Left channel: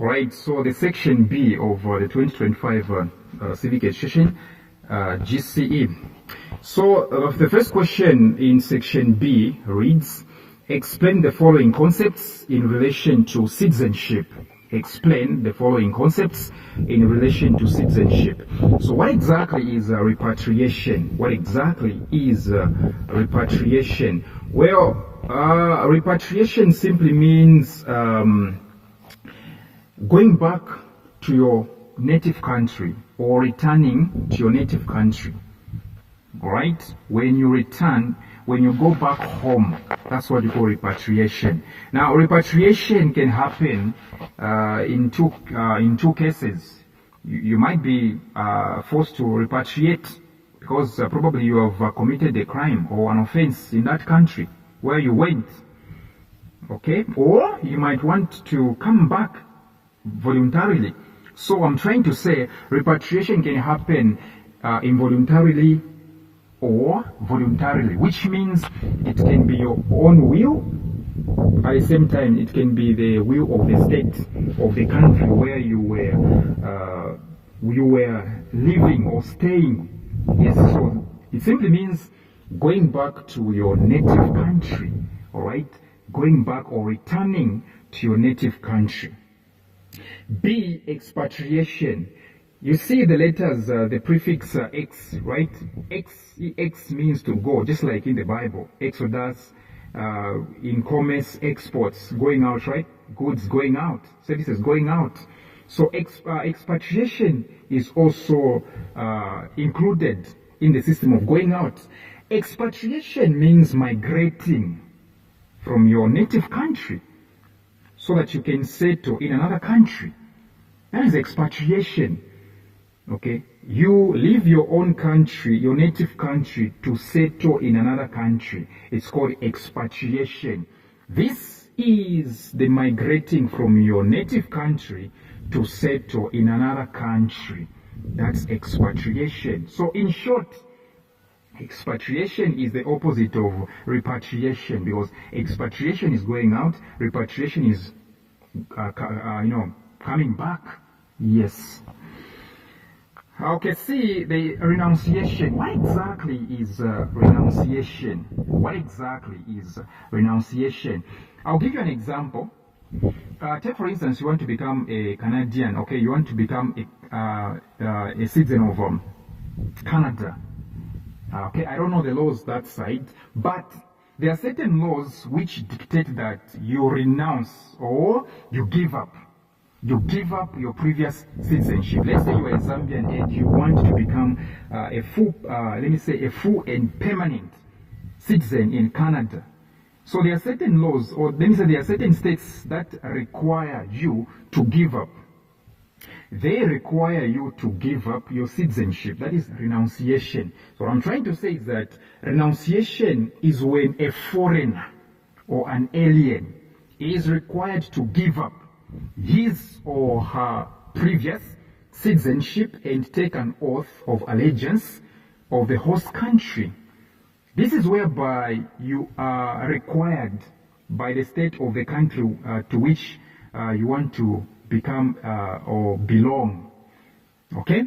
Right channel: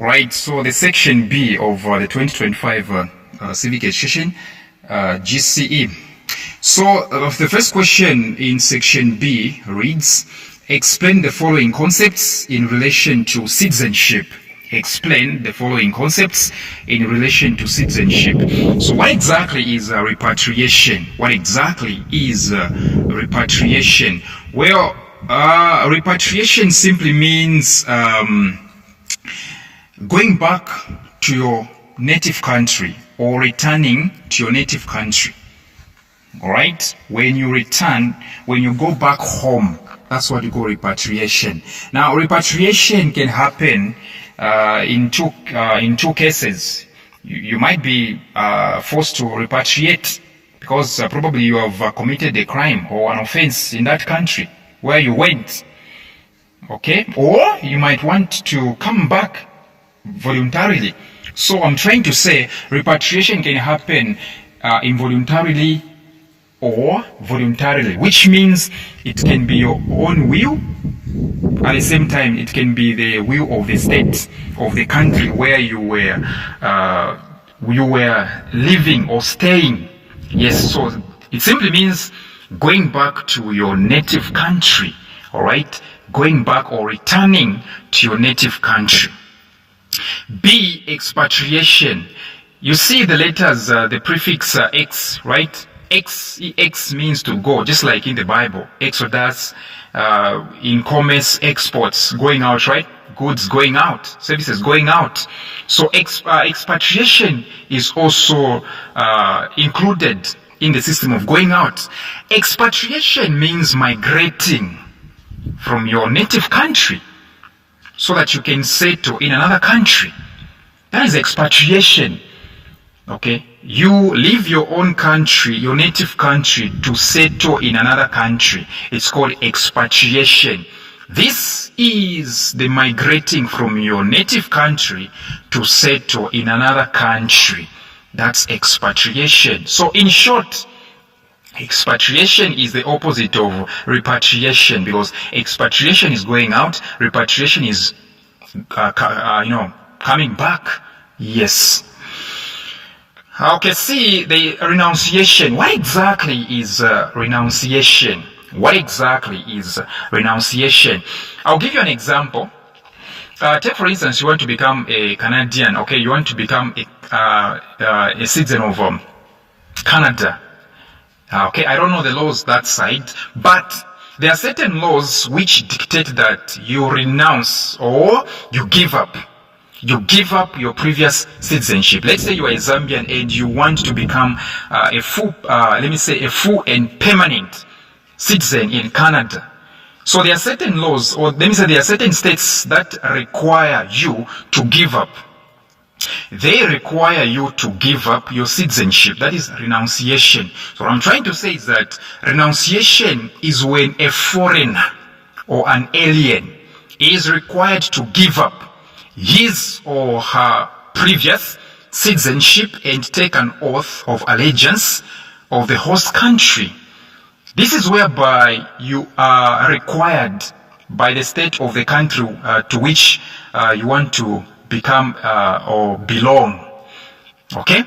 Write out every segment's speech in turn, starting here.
Right, so the section B of the 2025 Civic Education, GCE. So the first question in section B reads, explain the following concepts in relation to citizenship. Explain the following concepts in relation to citizenship. So what exactly is repatriation? What exactly is repatriation? Well, repatriation simply means going back to your native country or returning to your native country. All right? When you return, when you go back home, that's what you call repatriation. Now, repatriation can happen in two cases. You might be forced to repatriate because probably you have committed a crime or an offense in that country where you went. Okay? Or you might want to come back voluntarily. So I'm trying to say repatriation can happen involuntarily or voluntarily, which means it can be your own will. At the same time, it can be the will of the state, of the country where you were living or staying. Yes, so it simply means going back to your native country, all right? Going back or returning to your native country. B, expatriation. You see the letters, the prefix X, right? X means to go, just like in the Bible. Exodus, in commerce, exports, going out, right? Goods going out, services going out. So expatriation is also included in the system of going out. Expatriation means migrating from your native country so that you can settle in another country. That is expatriation. Okay? You leave your own country, your native country, to settle in another country. It's called expatriation. This is the migrating from your native country to settle in another country. That's expatriation. So in short, expatriation is the opposite of repatriation, because expatriation is going out, repatriation is, coming back. Yes. Okay, see the renunciation. What exactly is renunciation? What exactly is renunciation? I'll give you an example. Take for instance, you want to become a Canadian. Okay, you want to become a citizen of Canada. Okay, I don't know the laws that side, but there are certain laws which dictate that you renounce or you give up. You give up your previous citizenship. Let's say you are a Zambian and you want to become a full and permanent citizen in Canada. So there are certain laws, or let me say there are certain states that require you to give up. They require you to give up your citizenship. That is renunciation. So what I'm trying to say is that renunciation is when a foreigner or an alien is required to give up his or her previous citizenship and take an oath of allegiance of the host country. This is whereby you are required by the state of the country to which you want to become or belong. Okay?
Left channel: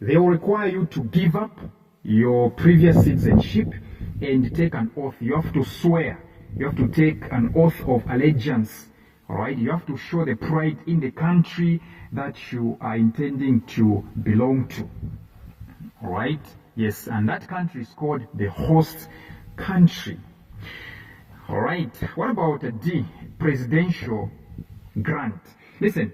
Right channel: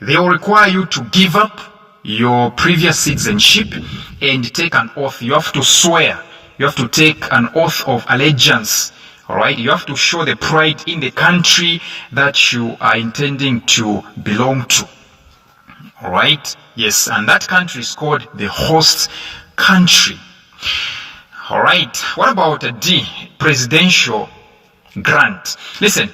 They will require you to give up your previous citizenship and take an oath. You have to swear. You have to take an oath of allegiance. All right? You have to show the pride in the country that you are intending to belong to. All right? Yes, and that country is called the host country. All right. What about D, presidential grant? Listen,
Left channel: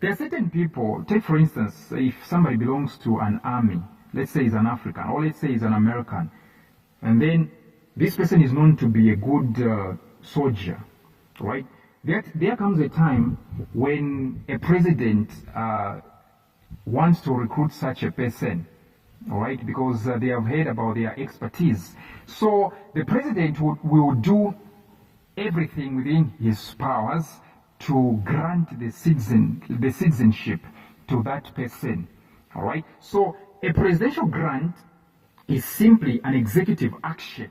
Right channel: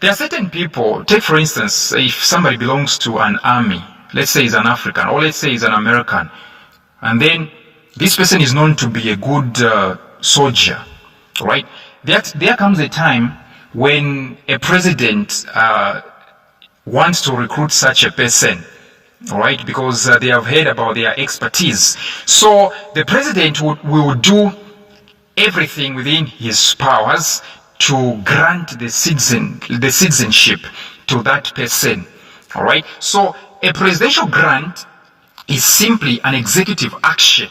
there are certain people, take for instance, if somebody belongs to an army, let's say he's an African, or let's say he's an American, and then this person is known to be a good soldier, right? There comes a time when a president wants to recruit such a person, all right, because they have heard about their expertise. So the president will do everything within his powers to grant the citizenship to that person. All right. So a presidential grant is simply an executive action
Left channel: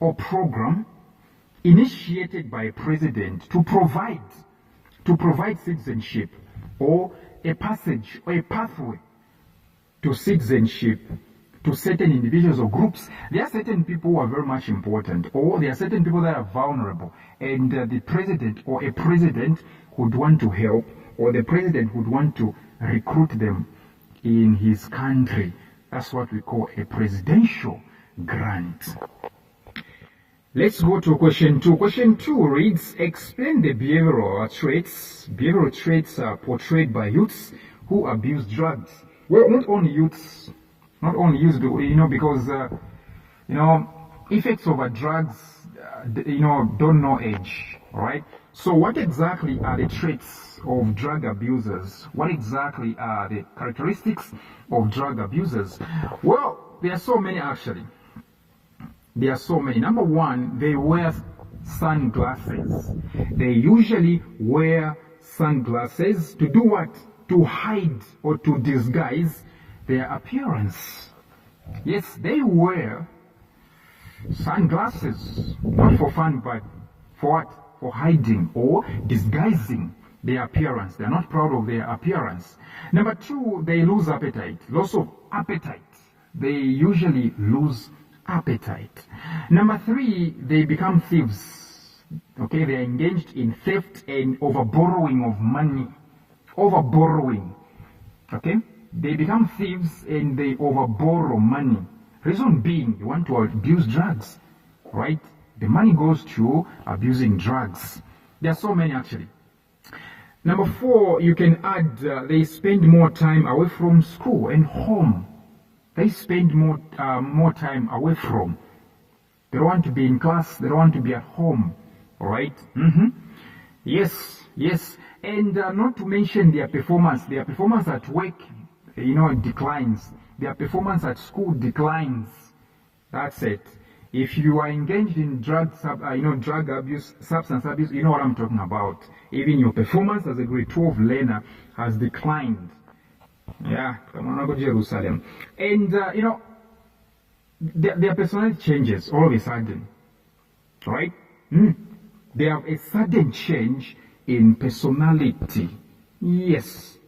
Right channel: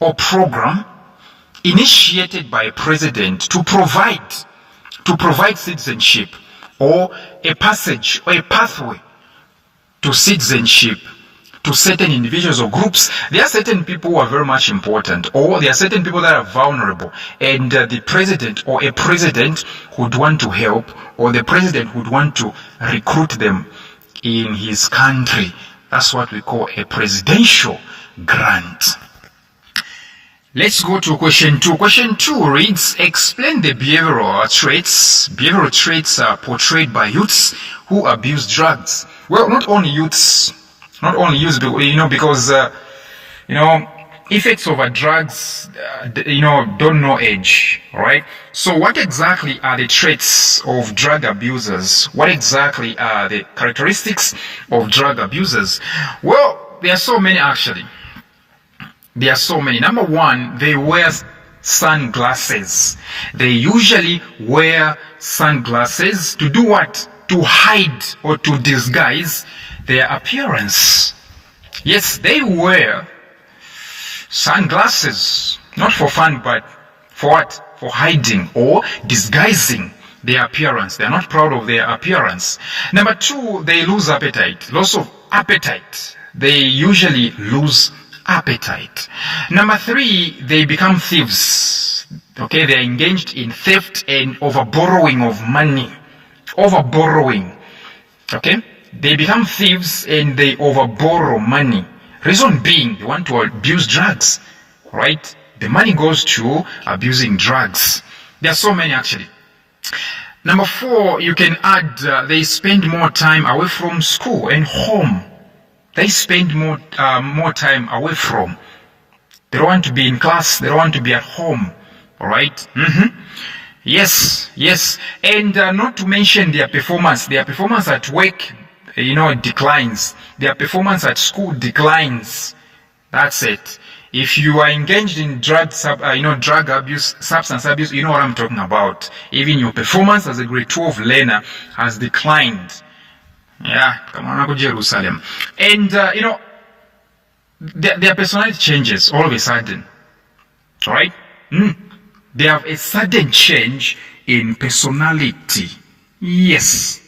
or program initiated by a president to provide citizenship or a passage or a pathway to citizenship to certain individuals or groups. There are certain people who are very much important, or there are certain people that are vulnerable, and the president or a president would want to help, or the president would want to recruit them in his country. That's what we call a presidential grant. Let's go to question 2. Question 2 reads, explain the behavioral traits portrayed by youths who abuse drugs. Well, not only youths, because effects of drugs, don't know age, right? So what exactly are the traits of drug abusers? What exactly are the characteristics of drug abusers? Well, there are so many actually. There are so many. Number one, they wear sunglasses. They usually wear sunglasses to do what? To hide or to disguise their appearance. Yes, they wear sunglasses, not for fun, but for what? For hiding or disguising their appearance. They are not proud of their appearance. Number two, they lose appetite. Loss of appetite. They usually lose appetite. Number three, they become thieves. Okay, they are engaged in theft and overborrowing of money. Overborrowing. Okay, they become thieves and they overborrow money. Reason being, they want to abuse drugs, right? The money goes to abusing drugs. There are so many actually. Number four, you can add, they spend more time away from school and home. They spend more time away from. They don't want to be in class. They don't want to be at home. All right? Yes. And not to mention their performance. Their performance at work, declines. Their performance at school declines. That's it. If you are engaged in drug abuse, substance abuse, you know what I'm talking about. Even your performance as a grade 12 learner has declined. Yeah, come on, I go to Jerusalem. And, their personality changes all of a sudden. Right? They have a sudden change in personality. Yes.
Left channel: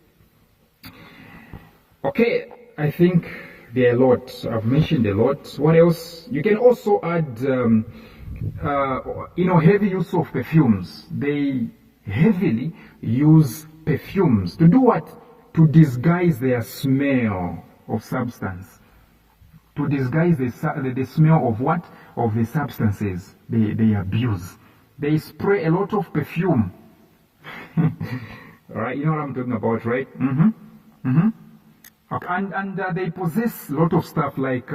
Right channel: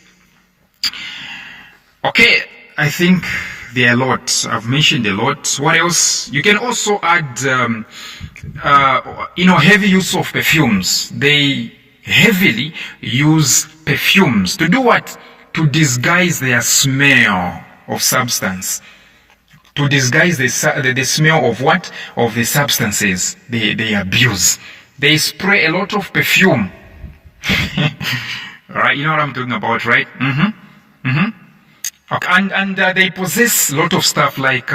Okay, I think there are a lot. I've mentioned a lot. What else? You can also add, heavy use of perfumes. They heavily use perfumes. To do what? To disguise their smell of substance. To disguise the smell of what? Of the substances they abuse. They spray a lot of perfume. Right? You know what I'm talking about, right? Okay. And they possess a lot of stuff like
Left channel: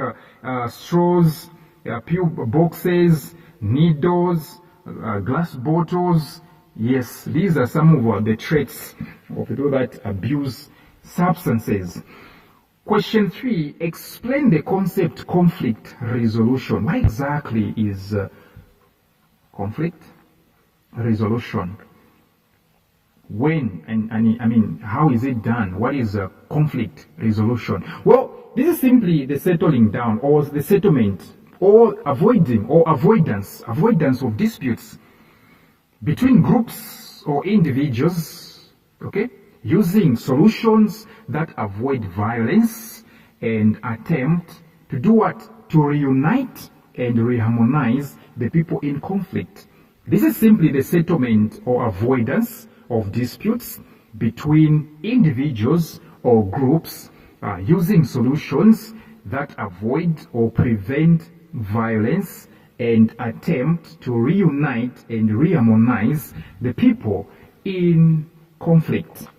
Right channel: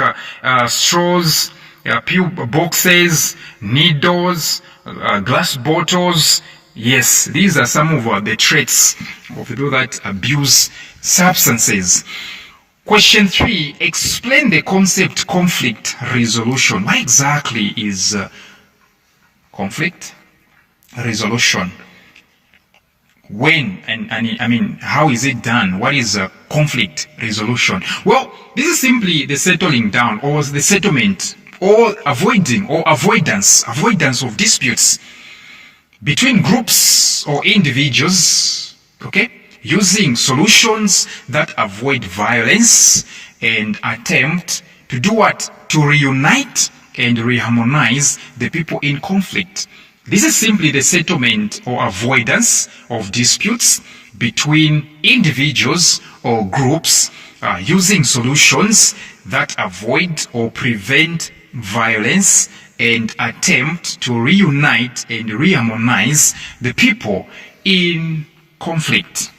straws, pill boxes, needles, glass bottles. Yes, these are some of the traits of people that abuse substances. Question 3, explain the concept conflict resolution. What exactly is conflict resolution? When and I mean, how is it done? What is conflict resolution? Well, this is simply the settling down or the settlement or avoidance of disputes between groups or individuals, okay, using solutions that avoid violence and attempt to do what? To reunite and reharmonize the people in conflict. This is simply the settlement or avoidance of disputes between individuals or groups using solutions that avoid or prevent violence and attempt to reunite and reharmonize the people in conflict.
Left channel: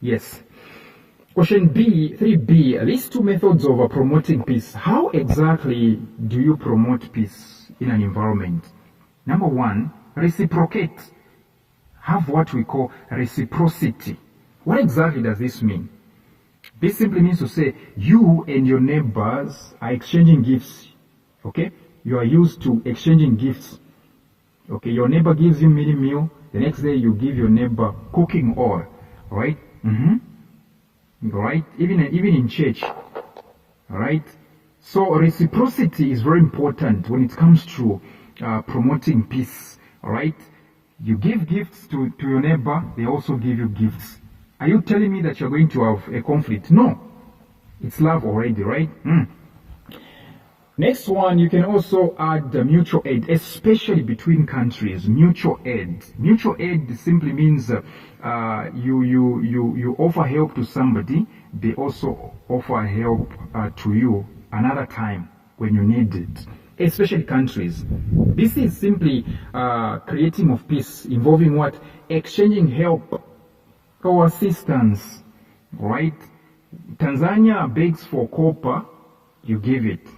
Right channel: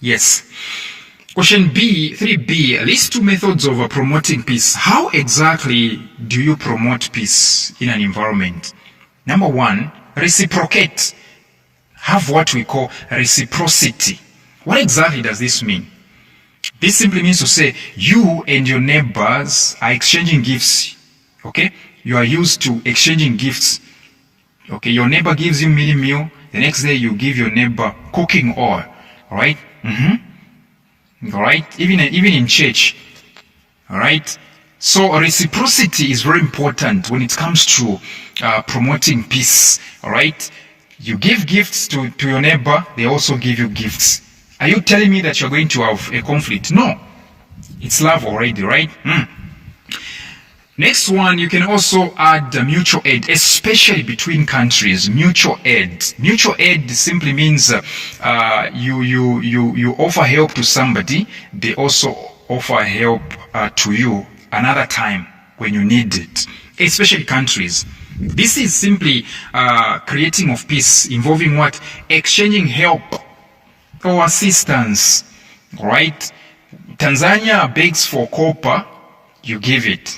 Yes. Question B, 3B, list 2 methods of promoting peace. How exactly do you promote peace in an environment? Number 1, reciprocate. Have what we call reciprocity. What exactly does this mean? This simply means to say you and your neighbors are exchanging gifts. Okay? You are used to exchanging gifts. Okay, your neighbor gives you mini meal, the next day you give your neighbor cooking oil. Alright? Alright? Even in church. Alright? So reciprocity is very important when it comes to promoting peace. Alright? You give gifts to your neighbor, they also give you gifts. Are you telling me that you're going to have a conflict? No. It's love already, right? Next one, you can also add mutual aid, especially between countries. Mutual aid. Mutual aid simply means you offer help to somebody. They also offer help to you another time when you need it, especially countries. This is simply creating of peace, involving what? Exchanging help or assistance, right? Tanzania begs for copper, you give it.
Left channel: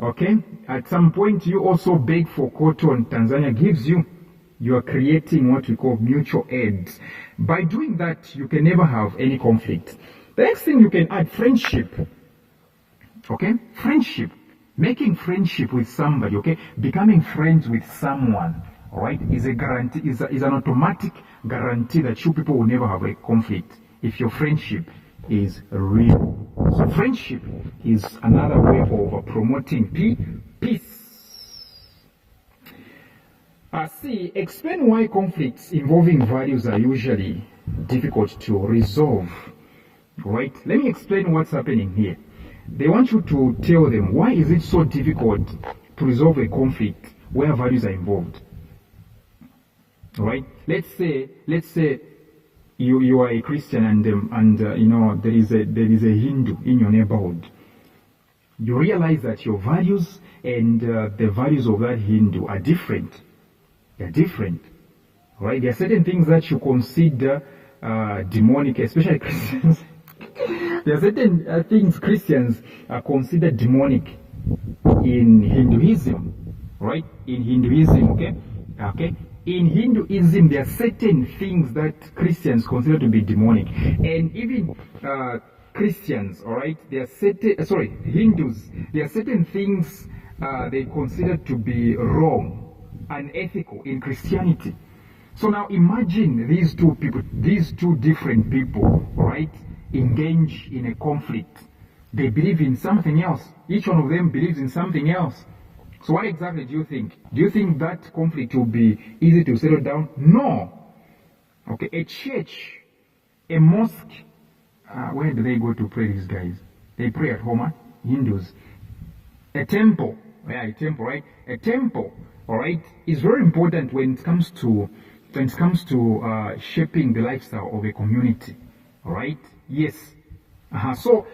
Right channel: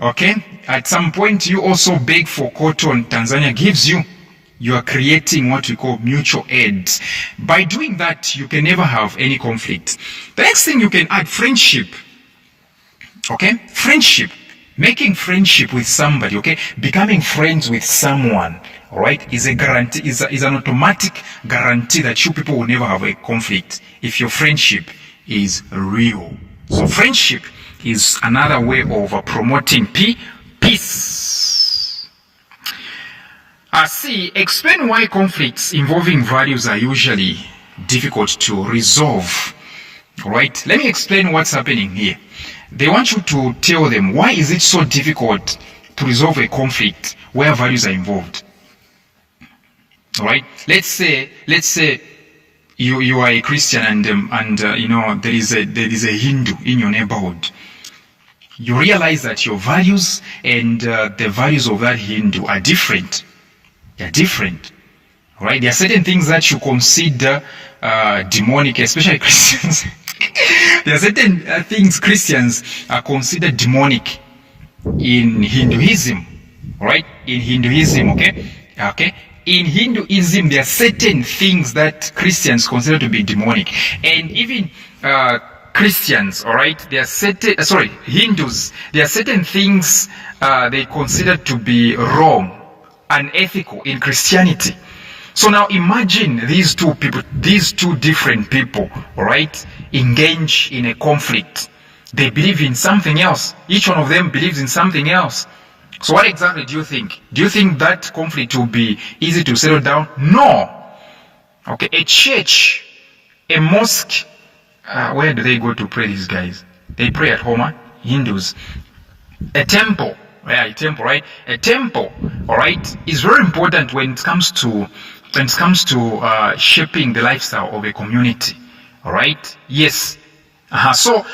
Okay? At some point, you also beg for cotton, Tanzania gives you. You are creating what we call mutual aid. By doing that, you can never have any conflict. The next thing you can add, friendship. Okay? Friendship. Making friendship with somebody, okay? Becoming friends with someone, all right, is a guarantee, is an automatic guarantee that you people will never have a conflict if your friendship is real. So friendship is another way of promoting peace. C. Explain why conflicts involving values are usually difficult to resolve. All right, let me explain what's happening here. They want you to tell them why is it so difficult to resolve a conflict where values are involved. All right, let's say you are a Christian and you know there is a Hindu in your neighborhood. You realize that your values and the values of that Hindu are different. They're different, right? There are certain things that you consider demonic, especially Christians. There are certain things Christians are considered demonic in Hinduism, right? In Hinduism, okay. In Hinduism, there are certain things that Christians consider to be demonic, and even Christians, all right. There are certain, Hindus. There are certain things they consider to be wrong, unethical in Christianity. So now imagine these two people, these two different people, all right, engage in a conflict. They believe in something else. Each one of them believes in something else. So what exactly do you think? Do you think that conflict will be easy to settle down? No. Okay, a church, a mosque, where do they go to pray, these guys? They pray at home, Hindus. A temple, a temple, right? A temple, all right, is very important when it comes to shaping the lifestyle of a community. All right. Yes. So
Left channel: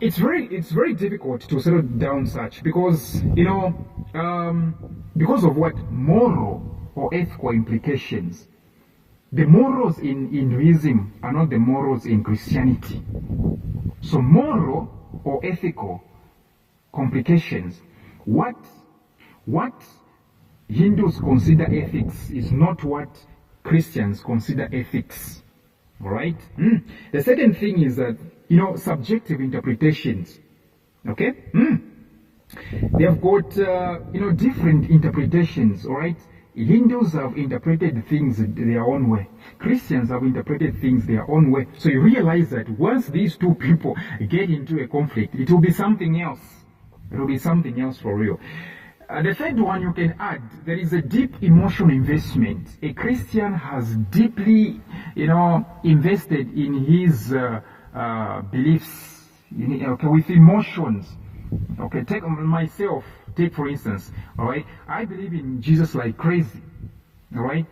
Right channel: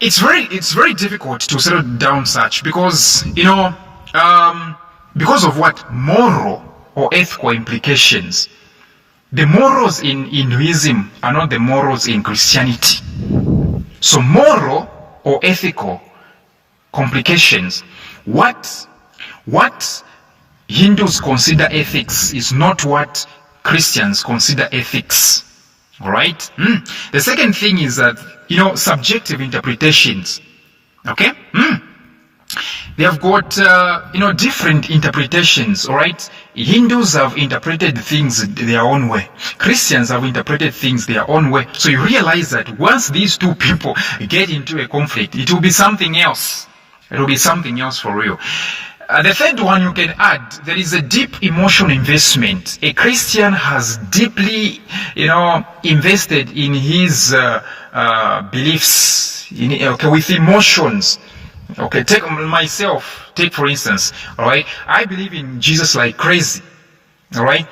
it's very difficult to settle down such because because of what moral or ethical implications. The morals in Hinduism are not the morals in Christianity. So moral or ethical complications. What Hindus consider ethics is not what Christians consider ethics. All right. The second thing is that subjective interpretations. Okay. They have got different interpretations. All right. Hindus have interpreted things their own way. Christians have interpreted things their own way. So you realize that once these two people get into a conflict, it will be something else. It will be something else for real. The third one you can add, there is a deep emotional investment. A Christian has deeply, invested in his beliefs, with emotions. Okay, take for instance, all right? I believe in Jesus like crazy, all right?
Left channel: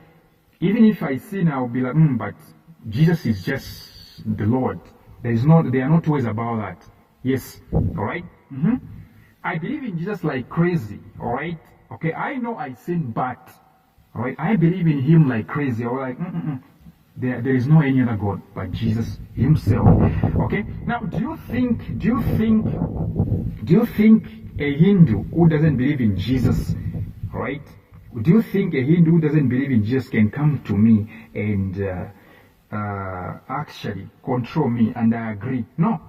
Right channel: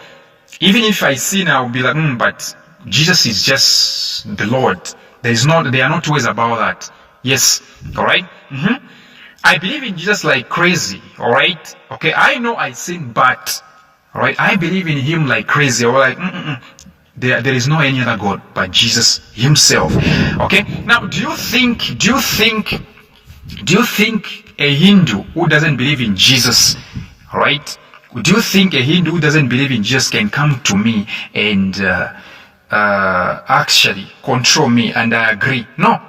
Even if I sin, I'll be like, but Jesus is just the Lord. There are no two ways about that. Yes, all right? I believe in Jesus like crazy, all right? Okay, I know I sin, but, all right, I believe in him like crazy. Or like, there is no any other God but Jesus himself. Okay, now do you think a Hindu who doesn't believe in Jesus, all right? Do you think a Hindu who doesn't believe in Jesus can come to me and actually control me and I agree? No.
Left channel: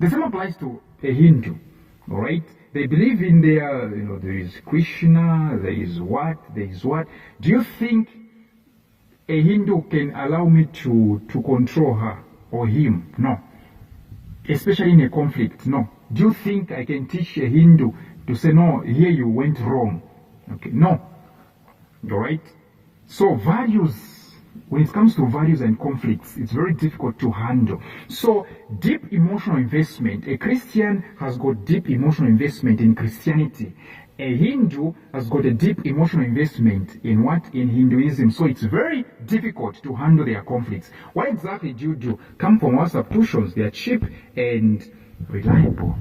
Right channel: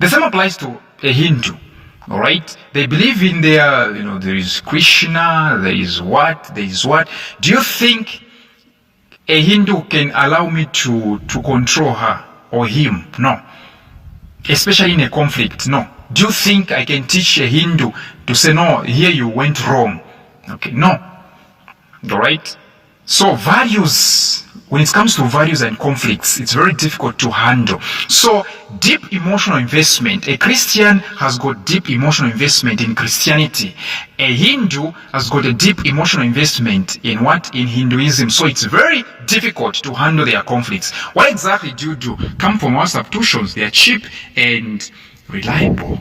The same applies to a Hindu. All right, they believe in there is Krishna, there is what. Do you think a Hindu can allow me to control her or him? No. Especially in a conflict, no. Do you think I can teach a Hindu to say, no, here you went wrong? Okay, no. All right. So values when it comes to values and conflicts, it's very difficult to handle. So deep emotional investment, a Christian has got deep emotional investment in Christianity. A Hindu has got a deep emotional investment in what? In Hinduism. So it's very difficult to handle their conflicts. What exactly do you do? Come from our substitutions. They are cheap and reliable.